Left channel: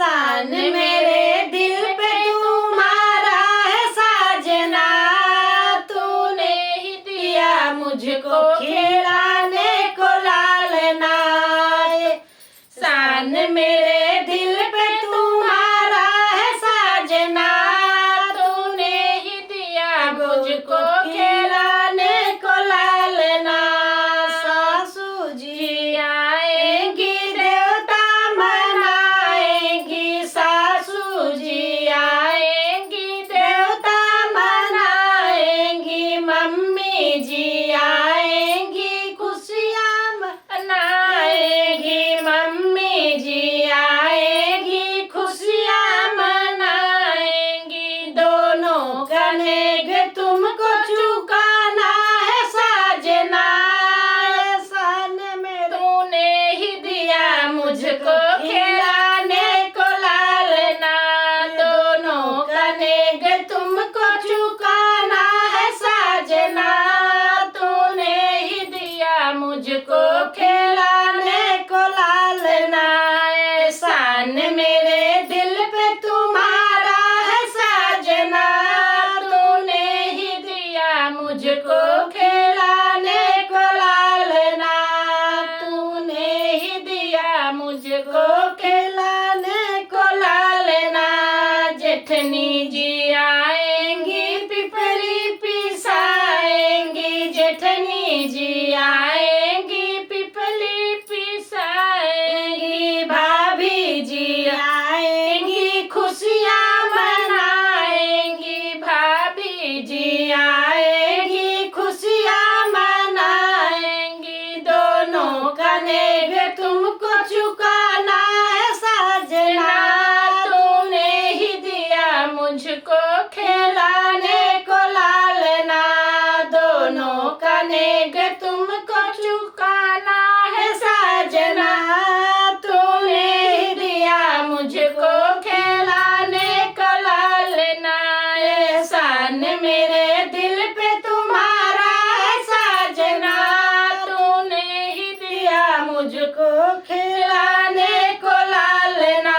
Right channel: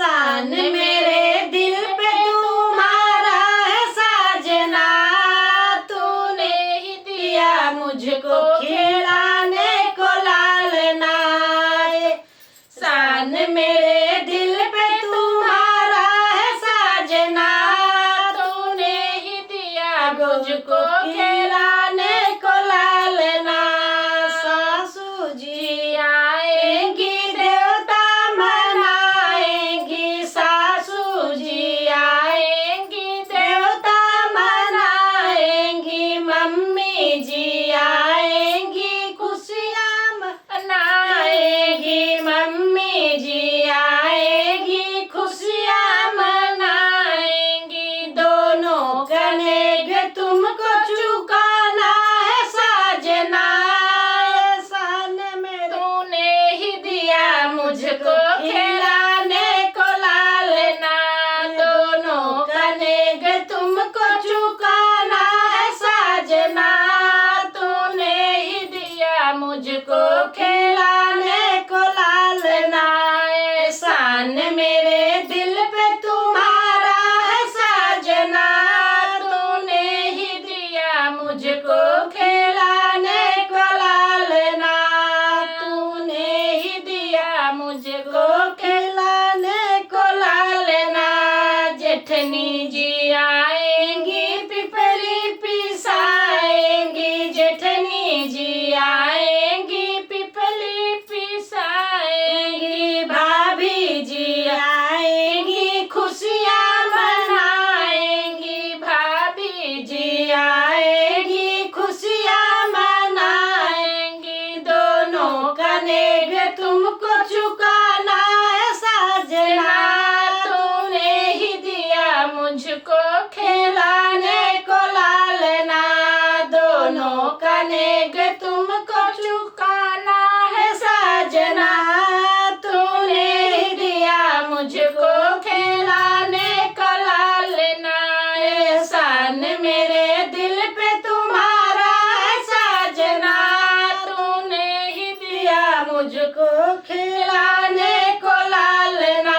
एहसान मेरे दिल पे तुम्हारा है साजना, तूने ही दिया मुझको खिलाने को लालना। एहसान मेरे दिल पे तुम्हारा है साजना, तूने ही दिया मुझको खिलाने को लालना। सासू जी आएंगी देवता मनाएंगी, सासू जी आएंगी देवता मनाएंगी, मम्मी जी आएंगी खुशियाँ मनाएंगी, मम्मी जी आएंगी खुशियाँ मनाएंगी। दोनों कनेगे तुमको चुकाना है साजना, एहसान में तूने ही दिया मुझको खिलाने को लालना। दोनों कनेगे तुमको चुकाना है साजना, तूने ही दिया मुझको खिलाने को लालना। एहसान मेरे दिल पे तुम्हारा है साजना, तूने ही दिया मुझको खिलाने को लालना, तूने ही दिया मुझको खिलाने को लालना। जेठनी जी आएंगी पिपली पिसाएंगी, जेठनी जी आएंगी पिपली पिसाएंगी, भाभी जी आएंगी खुशियाँ मनाएंगी, भाभी जी आएंगी खुशियाँ मनाएंगी। दोनों कनेगे तुमको चुकाना है साजना, तूने ही दिया मुझको खिलाने को लालना। दोनों कनेगे तुमको चुकाना है साजना, तूने ही दिया मुझको खिलाने को लालना। एहसान मेरे दिल पे तुम्हारा है साजना, तूने ही दिया मुझको खिलाने को लालना,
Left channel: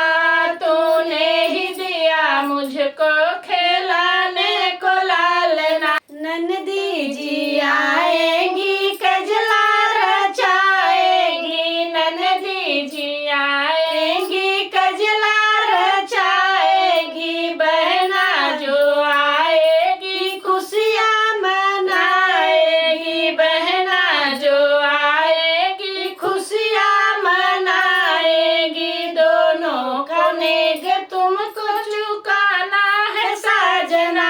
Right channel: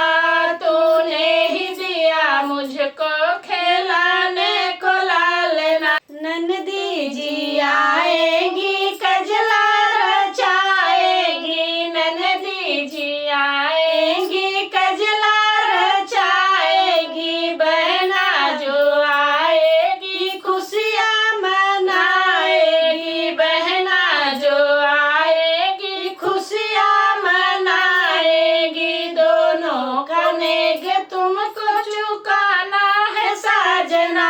तूने ही दिया मुझको खिलाने को लालना। ननदी जी आएंगी कजला रचाएंगी, ननदी जी आएंगी कजला रचाएंगी, बहना जो आएगी खुशियाँ मनाएगी, बहना जो आएगी खुशियाँ मनाएगी। दोनों कनेगे तुमको चुकाना है साजना,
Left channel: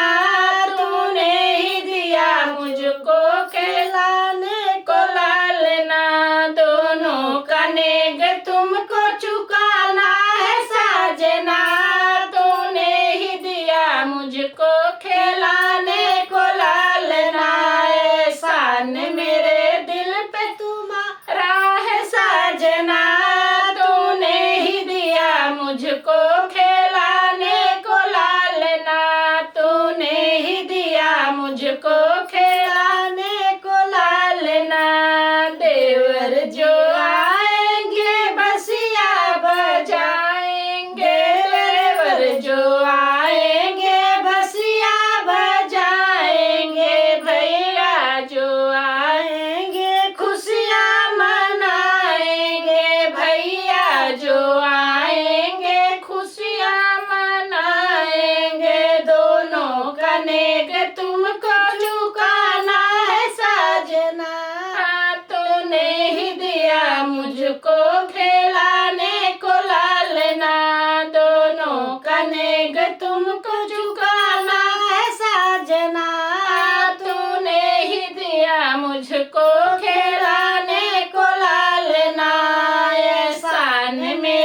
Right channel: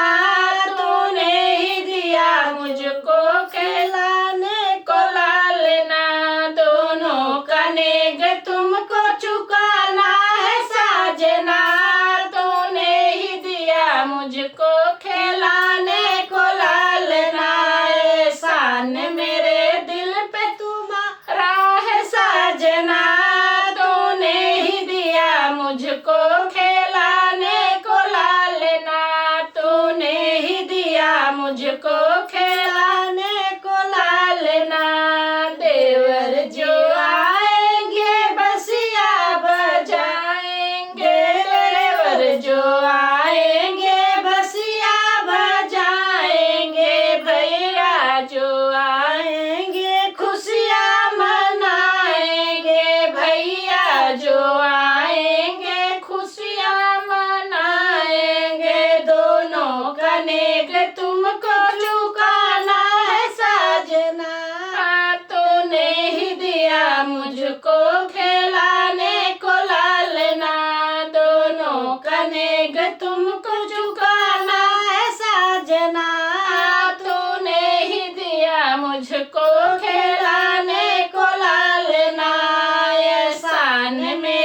तूने ही दिया मुझको खिलाने को लालना। दोनों कनेगे तुमको चुकाना है साजना, तूने ही दिया मुझको खिलाने को लालना। एहसान मेरे दिल पे तुम्हारा है साजना, तूने ही दिया मुझको खिलाने को लालना, तूने ही दिया मुझको खिलाने को लालना। देवर जो आएंगे बसिया बजाएंगे, देवर जो आएंगे बसिया बजाएंगे, भैया जो आएंगे खुशियाँ मनाएंगे, भैया जो आएंगे खुशियाँ मनाएंगे। दोनों कनेगे तुमको चुकाना है साजना, तूने ही दिया मुझको खिलाने को लालना। दोनों कनेगे तुमको चुकाना है साजना, तूने ही दिया मुझको खिलाने को लालना। एहसान में